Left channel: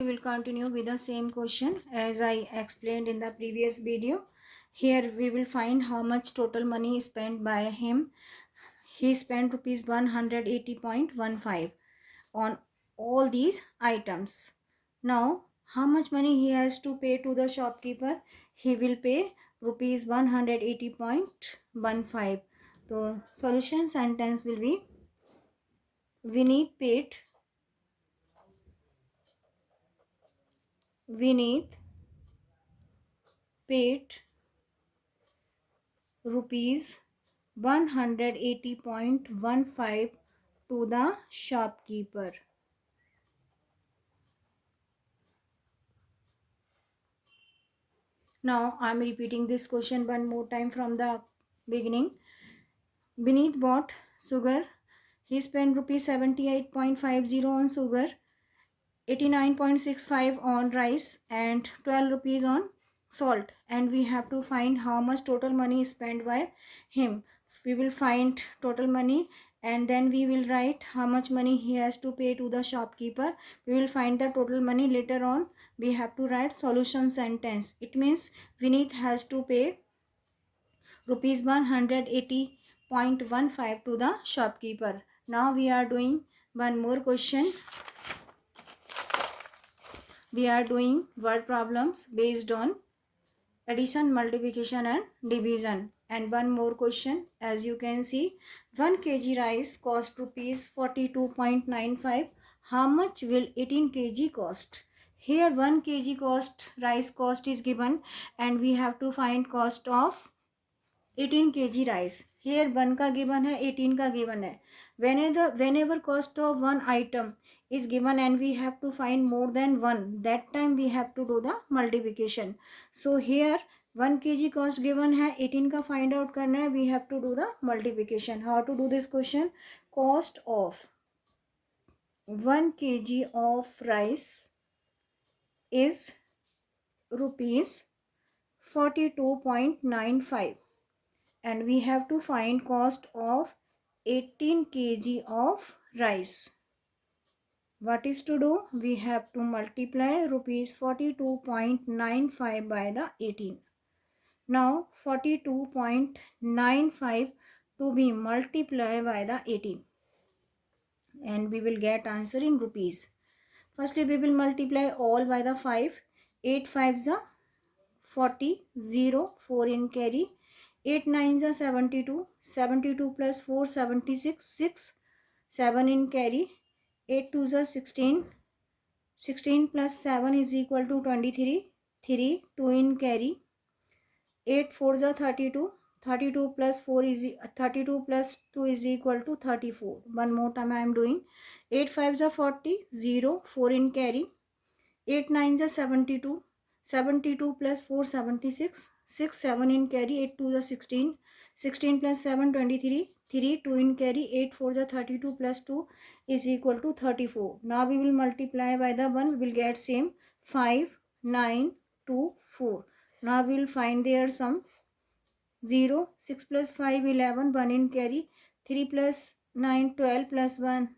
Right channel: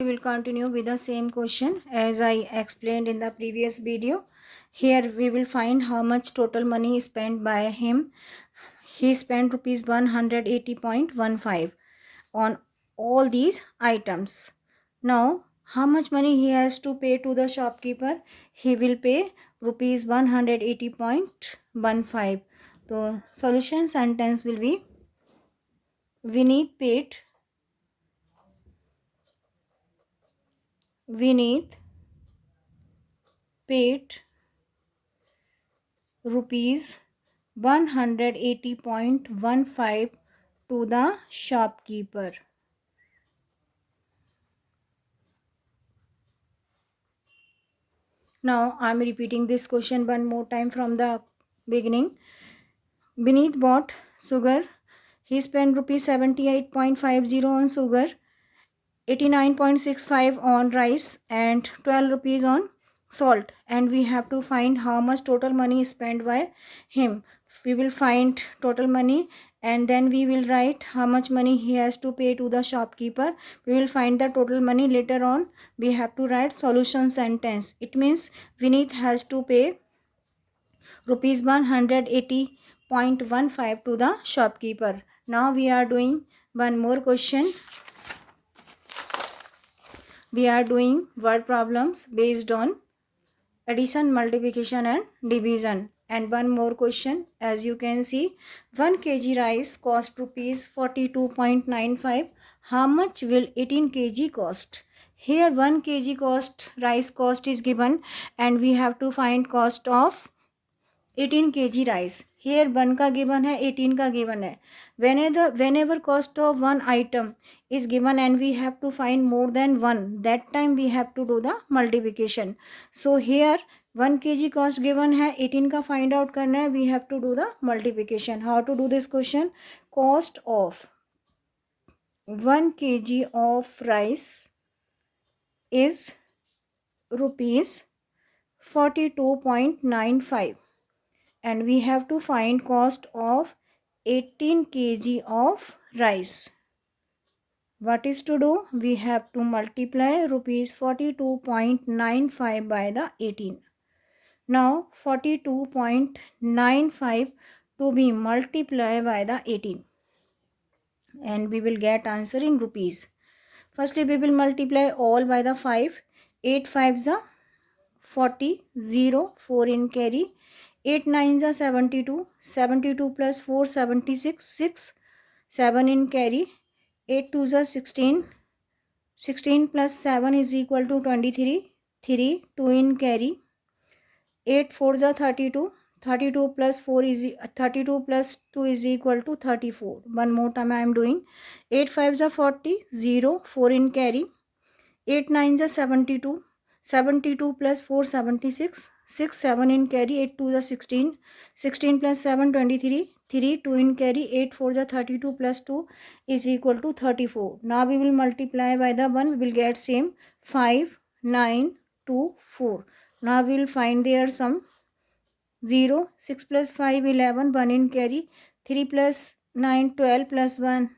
We will continue with the same question as I explained in the previous video. Here we will find how much total money spent by him. He spent rupees 180.15 on all these items. Now how much money he has to pay to the shopkeeper? He will pay rupees 180.15. The solution sentence will be Vineet paid rupees 180.15 to the shopkeeper. Now I am repeating this question one more time from the beginning. Beneath bought sugar. He spent rupees 78.50 on sugar, 89.65 on rice and 12 rupees on salt, and we have to find how much total money spent by him. We will find total money and then we will write how much money he has to pay to the shopkeeper. We will find the total money later on. We have to write solution sentence. It means Vineet has to pay rupees 180.15 to the shopkeeper. Now we are doing one more question. We are doing word problems based on addition, multiplication and division. And one more question. As you can see, 1 kg rice cost rupees 42.95. How much will 18 kg cost? Here 1 kg cost, rice cost is given and we have to find cost of 18 kg rice. Here 1 का given है, 18 का given है. Whenever cost of one item is given and we have to find more than one, that time we have to do the multiplication. So here 1 kg cost given है, 18 का find out करना है, we have to do the multiplication. How to do this question? Cost of 1 kg of rice is rupees 42.95. and we have to find cost of 18 kg of rice. What is to do? We have to multiply rupees 42.95 by the 18. Now 42.95 to be multiplied by the 18 and we will get answer in rupees. Firstly we will multiply all by the 5. 8 5s are 40, 0, 4 in carry, 8 9s are 72, 72 plus 4 76, 6, 7 in carry, 8 2s are 16, 16 plus 7 is equal to 23, 3, 2 in carry, 8 4s are 32, 32 plus 4 is 32 plus 2 is equal to 34. One more time I am doing. 8 5s are 40, 0, 4 in carry, 8 9s are 72, 72 plus 4 76, 6 7 in carry, 8 2 is 16, 16 plus 7 23, 3 2 in carry, 8 4 is 32 plus 2 is equal to 34. Now we will multiply by the 1, we will get same 5 9 2 4. Now we will find their sum. 0 6 plus 5 11, 1 in carry, 3 plus 9 12 plus 1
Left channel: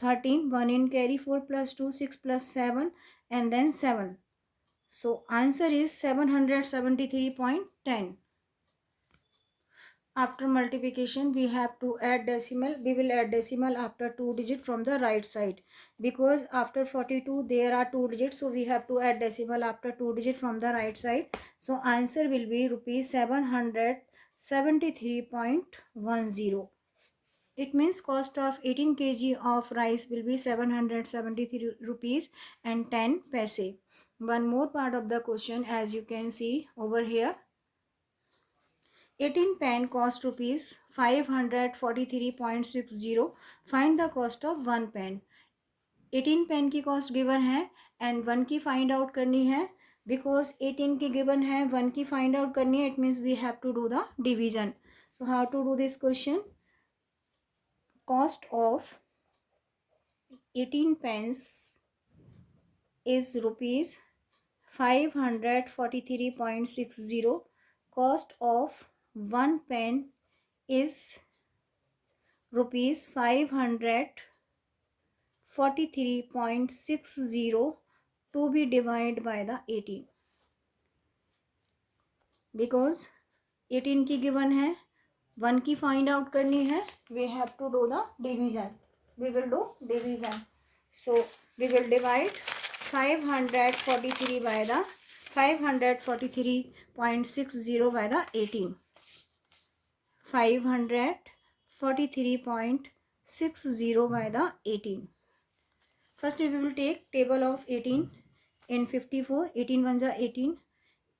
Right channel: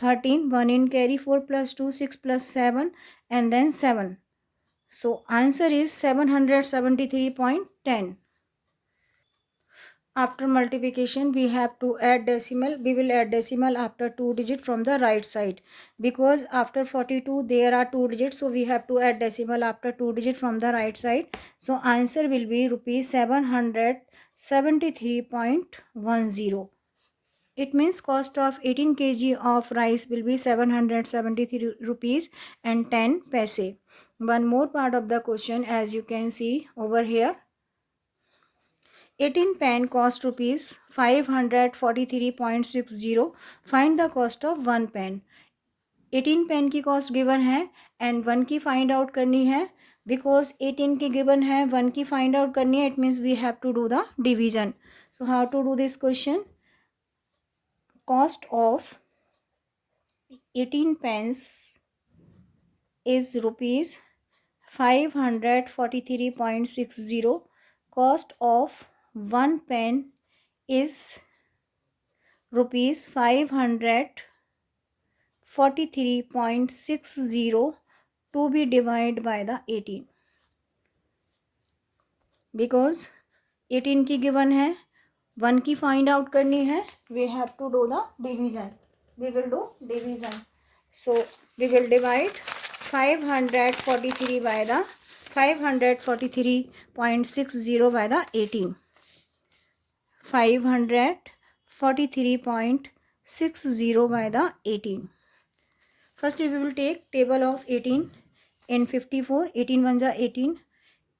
13, 1 in carry, 4 plus 2 6 plus 7 and then 7. So answer is 773.10. After multiplication we have to add decimal. We will add decimal after 2 digit from the right side, because after 42 there are 2 digits, so we have to add decimal after 2 digit from the right side. So answer will be rupees 773.10. It means cost of 18 kg of rice will be 773 rupees and 10 paise. One more part of the question, as you can see over here. 18 pen cost rupees 543.60. Find the cost of 1 pen. 18 pen की cost given है and 1 की find out करनी है. Because 18 की given है, 1 की find out करनी है, it means we have to do the division. So how to do this question? Cost of 18 pence is rupees 543.60. Cost of 1 pen is rupees 543.60 to be divided by the 18, because 18 की given है, 1 की find out करनी है, we have to do the division. We will do division. So we will divide 543 by the 543.60 by the 18. 543.60 by the 18. Firstly, we will take table of 18 in 54. 18 1 जा 18,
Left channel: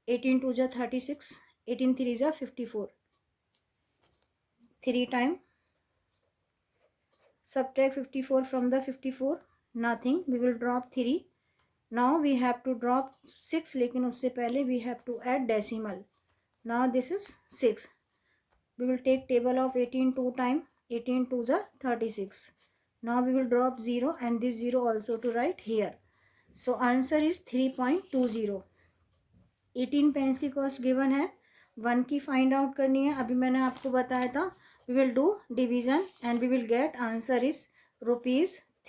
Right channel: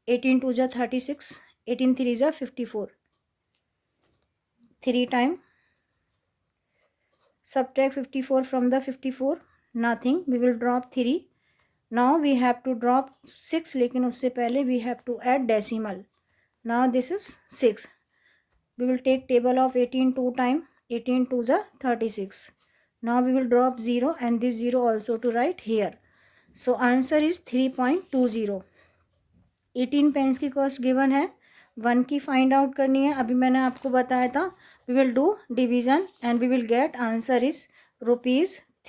18 2 जा 36, 18 3 जा 54. 3 time. Subtract 54 from the 54. Nothing. We will drop 3. Now we have to drop 6, लेकिन उससे पहले we have to add decimal. Now this is 6. We will take table of 18 2 time. 18 2 जा 36. Now we will drop 0 and this 0 also to write here. So answer is 3.20. 18 pens की cost given है, 1 की find out करनी है. अभी मैंने आपको बताया था we will do division and we will get answer is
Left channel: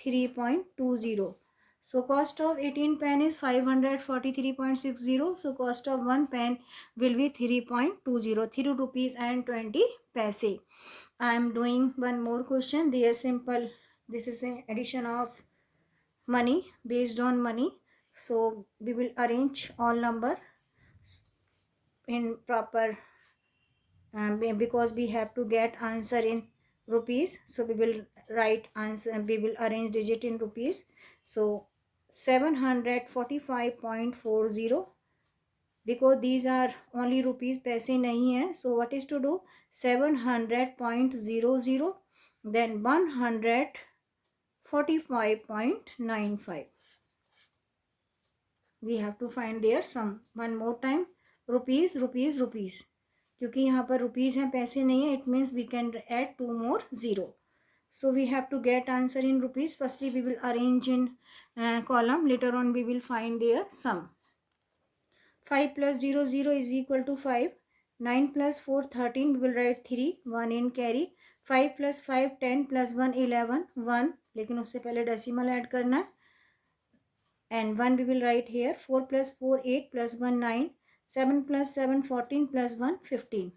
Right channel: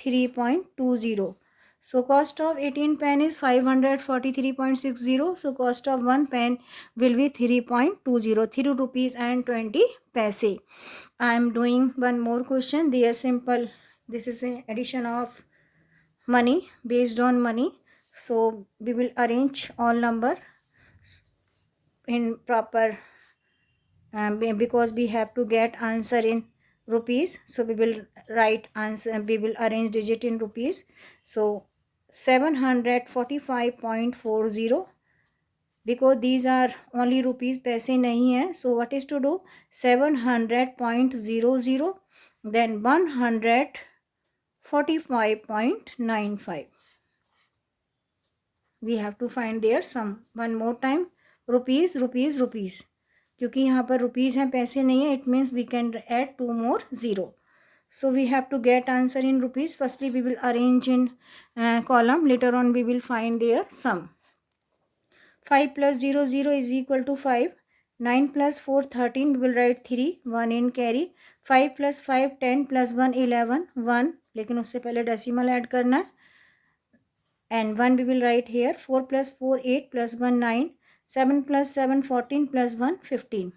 ₹3.20. So cost of 18 pen is 543.60. So cost of 1 pen will be 3.20, 3 rupees and 20 paise. I am doing one more question. They are simple. This is an addition of money based on money. So we will arrange all number in proper because we have to get answer in rupees. So we will write answer, we will arrange digit in rupees. So 745.40, because these are only rupees, पैसे नहीं है. So what is to do? 700.00, then 145.95. we have to find their sum. One more time, rupees rupees rupees, क्योंकि यहाँ पर rupees हैं, पैसे नहीं है, it means we can add 2 more 0. So we have to get answer in rupees. Firstly we will arrange in column, later on we will find their sum. 5 plus 0 0 is equal to 5. 9 plus 4 13, we will write 3, 1 in carry. 5 plus 5 10 plus 1 11, 1, लेकिन उससे पहले decimal add करना है, and 1 we will write here. 4 plus 4 8 plus 1 9, 7 plus 7 14 plus 1 15.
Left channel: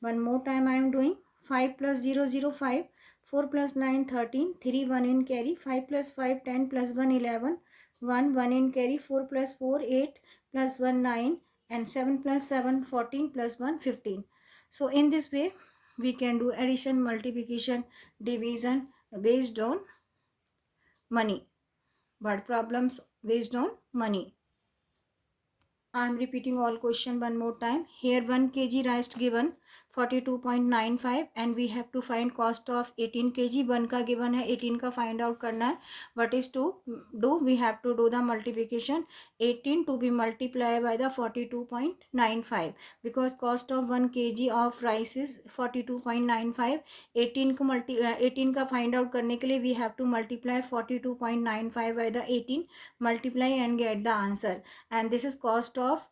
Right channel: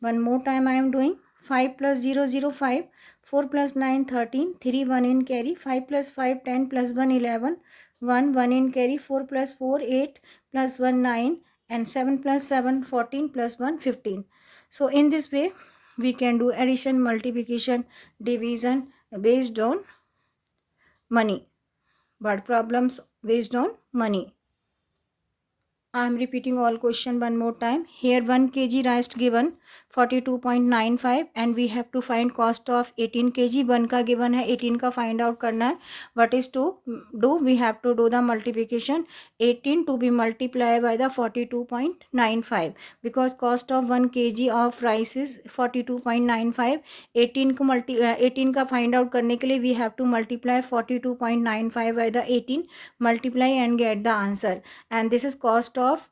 One more time I am doing. 5 plus 0 0 5, 4 plus 9 13, 3 1 in carry. 5 plus 5 10 plus 1 11, 1 1 in carry. 4 plus 4 8 plus 1 9, and 7 plus 7 14 plus 1 15. So in this way we can do addition, multiplication, division based on money. Word problems based on money. I am repeating all question one more time. Here 1 kg rice given 42.95 and we have to find cost of 18 kg. 1 का given है, 18 का find out करना है. What is to do? We have to do the multiplication. 18 to be multiplied by the 42.95, because cost of 1 kg of rice is 42.95. 18 का find out करने के लिए we have to multiply 42.95 by the 18, multiply and get the answer. And this is cost of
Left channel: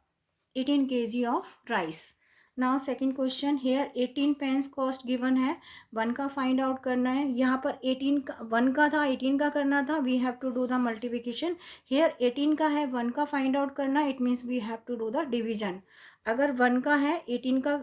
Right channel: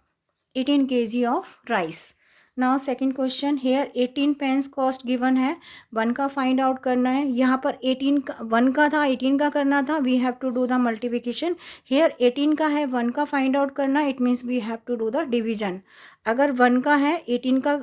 18 kg of rice. Now second question, here 18 pence cost given है, 1 का find out करना है. यहाँ पर 18 का 1 का था, 18 का करना था. We have to do the multiplication. Here 18 का है, 1 का find out करना, it means we have to do the division. अगर 1 का है, 18 का,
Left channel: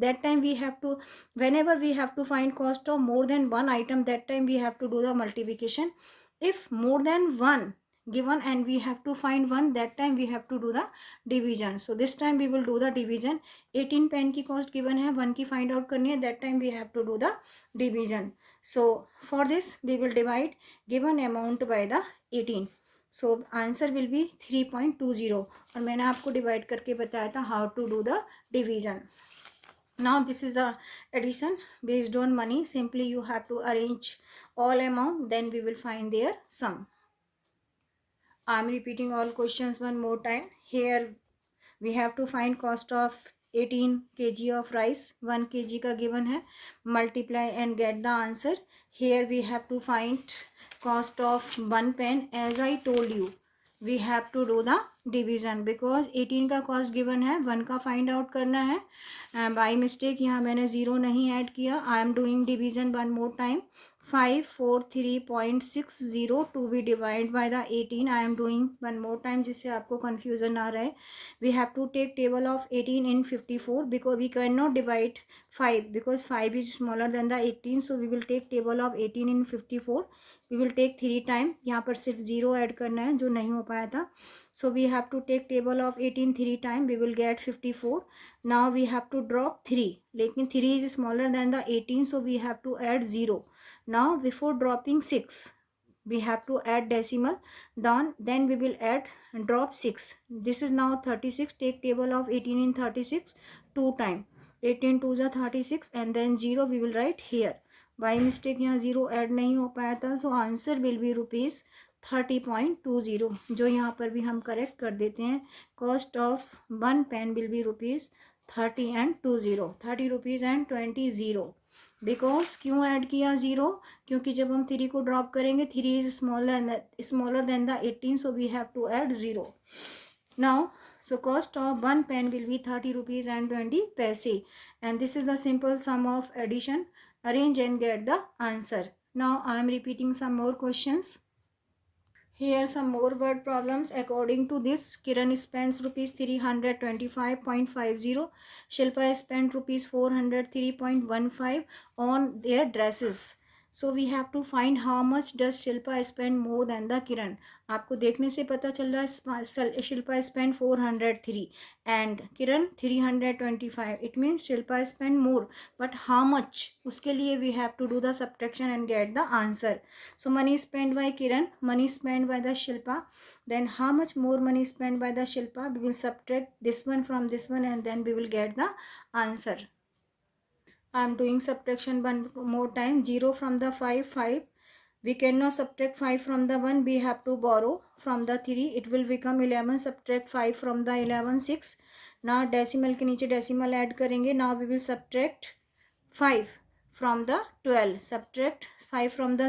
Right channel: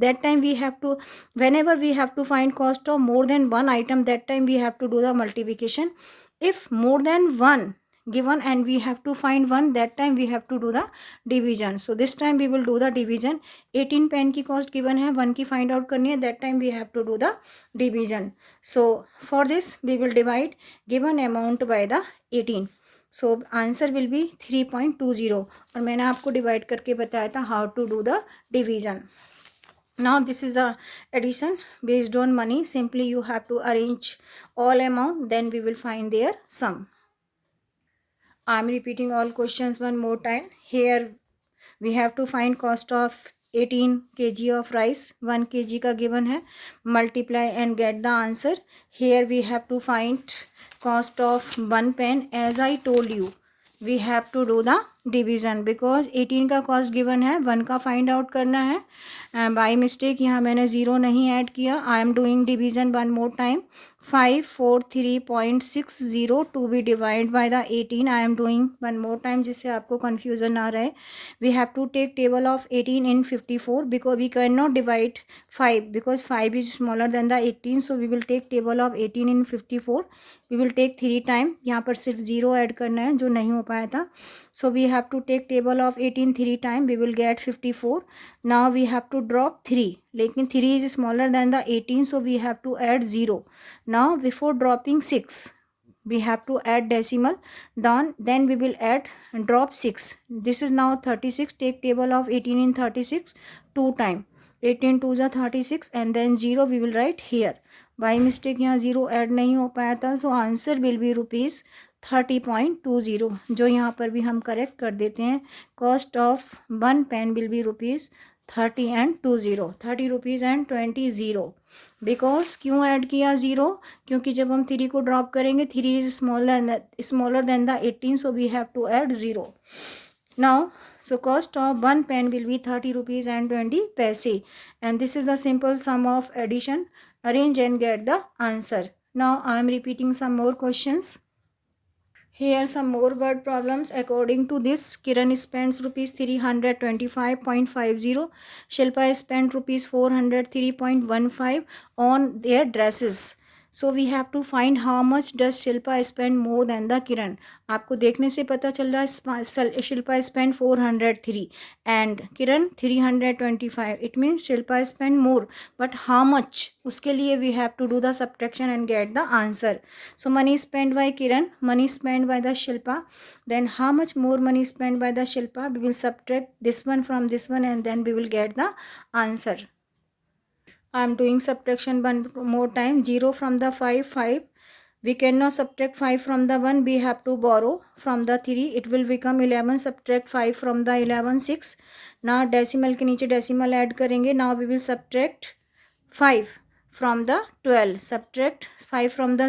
that time we have to, whenever we have to find cost of more than one item, that time we have to do the multiplication. If more than one given and we have to find one, that time we have to do the division. So this time we will do the division. 18 pen की cost given है, 1 की find out करनी है, that time we have to do the division. So for this we will divide given amount by the 18. So answer will be 3.20. और मैंने आपको divide करके बताया था how to do the division. Now this is the addition based on money. Simply you have to arrange all amount, then we will find their sum. I am repeating all questions one more time. Here we have to find cost of 18 kg of rice. 1 kg का given है. Multiply and get the answer. Here we have to find cost of 1 pen. As I told you, we have to do the division because 18 का cost given है, 1 का find out करना है. By mistake यहाँ मैंने 0 नहीं add किया. I am doing division one more time. 543.60 to be divided by the 18. I am doing one more time जिससे आपको confusion ना रहे. We have to take table of 18 in 54 because we cannot divide 5 because 5 is smaller than the 18. So we will take table of 18 in 54. We will take 3 time. यहाँ पर सिर्फ 0 add करना है जो नहीं हो पाया था. So we have to take table of 18 3 time. We will get 54. Now we have to drop 3. लेकिन 3 is smaller than the 18. So we have to add 0. Now before dropping 6, we have to add decimal. Then we will add drop 6. This is now 36. Take table of 18 in 36 2 time. 18 2 is 36 and then 0 we will write here. By mistake यहाँ 0 add नहीं हो पाया था. So answer will be rupees 30.20. जो यहाँ पर भी हम करेक्ट कर देते हैं. Cost of one pen will be rupees 30 and 20. 30 rupees and 20. Because क्यों ऐड किया 0? क्योंकि जब हम 3 को ड्रॉप करेंगे 3 is smaller than the 18. So we have to add 0. Now so cost of one pen will be 30 rupees and 20 paise. And this is the simple sum of addition. Arrange and get the answer. Now I am repeating some more questions. Here some more word problems. According to this, Kiran spends rupees 325.50. Shilpa spent rupees 403.15 on their dresses. So we have to find how much does Shilpa spend more than the Kiran. आपको देखने से पता चल रहा है Shilpa spent 403 and Kiran 325. It means Shilpa spent more. But how much? उसके लिए we have to do the subtraction and get the answer. So money spent by Kiran, money spent by the Shilpa. Then how much more money spent by the Shilpa? We will subtract this one from this one and then we will get the answer. I am doing subtraction one more time. 0 from the 5. We cannot subtract 5 from the 1. We have to borrow from the 3. It will become 11. Subtract 5 from the 11. 6. Now decimal के नीचे decimal add करेंगे. Now we will subtract 5 from the 12. Subtract 5 from the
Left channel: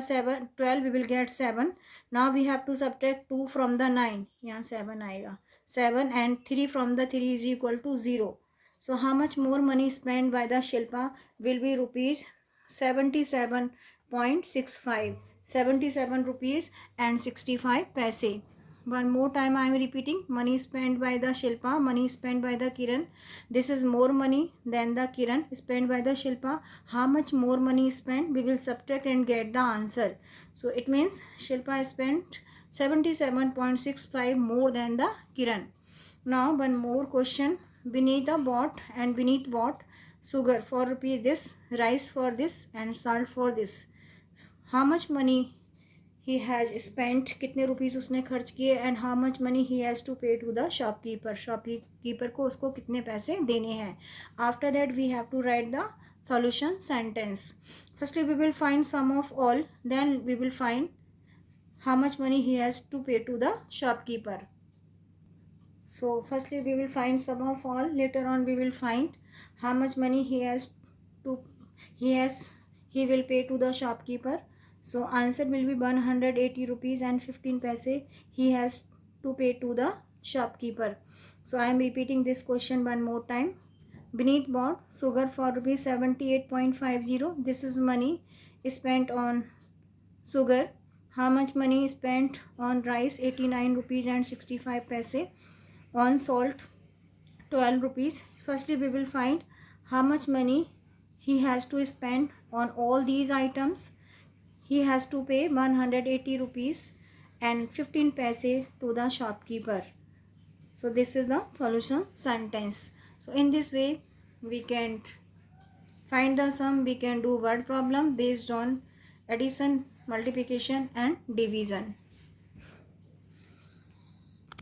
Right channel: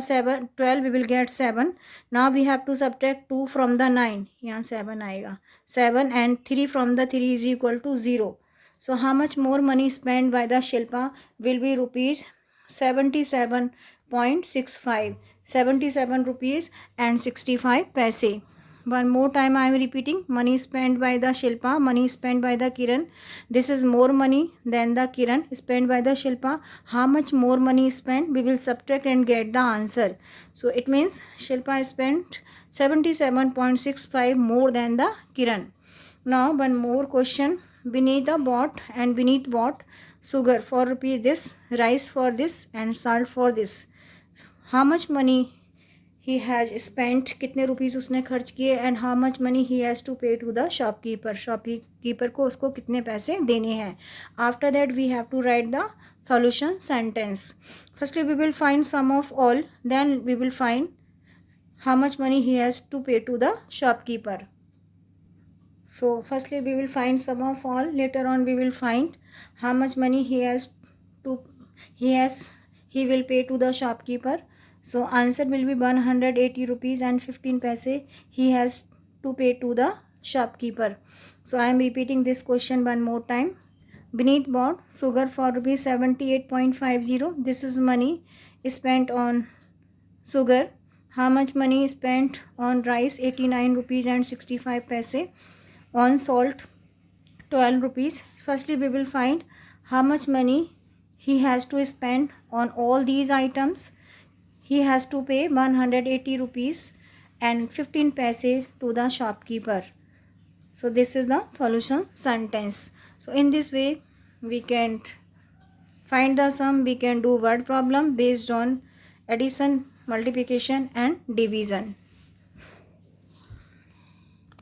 12. We will get 7. Now we have to subtract 2 from the 9. यहाँ 7 आएगा. 7 and 3 from the 3 is equal to 0. So how much more money spent by the Shilpa will be rupees 77.65. 77 rupees and 65 paise. One more time I am repeating. Money spent by the Shilpa, money spent by the Kiran. This is more money than the Kiran spent by the Shilpa. How much more money spent? We will subtract and get the answer. So it means Shilpa spent 77.65 more than the Kiran. Now one more question. Beneath the bought and beneath bought sugar for rupees this, rice for this and salt for this. How much money he has spent, कितने rupees उसने खर्च किए and how much money he has to pay to the shopkeeper. Shopkeeper को उसको कितने पैसे देने हैं. After that we have to write the solution sentence. Firstly we will find sum of all. Then we will find how much money he has to pay to the shopkeeper. So firstly we will find sum of all. Later on we will find how much money he will pay to the shopkeeper. So answer will be 180 rupees and 15 paise he has to pay to the shopkeeper. So I am repeating this question one more time. Beneath bought sugar for rupees 78.50. This is money spent on sugar. How much money spent on rice? 89 rupees and 65 paise. On salt 12 rupees. Firstly we will find how much money he has to spend on all these items. He has to pay 180 rupees and 15 paise to the shopkeeper. So this is the solution sentence. So in this way we can find the sum. We can do word problem based on addition, multiplication and division.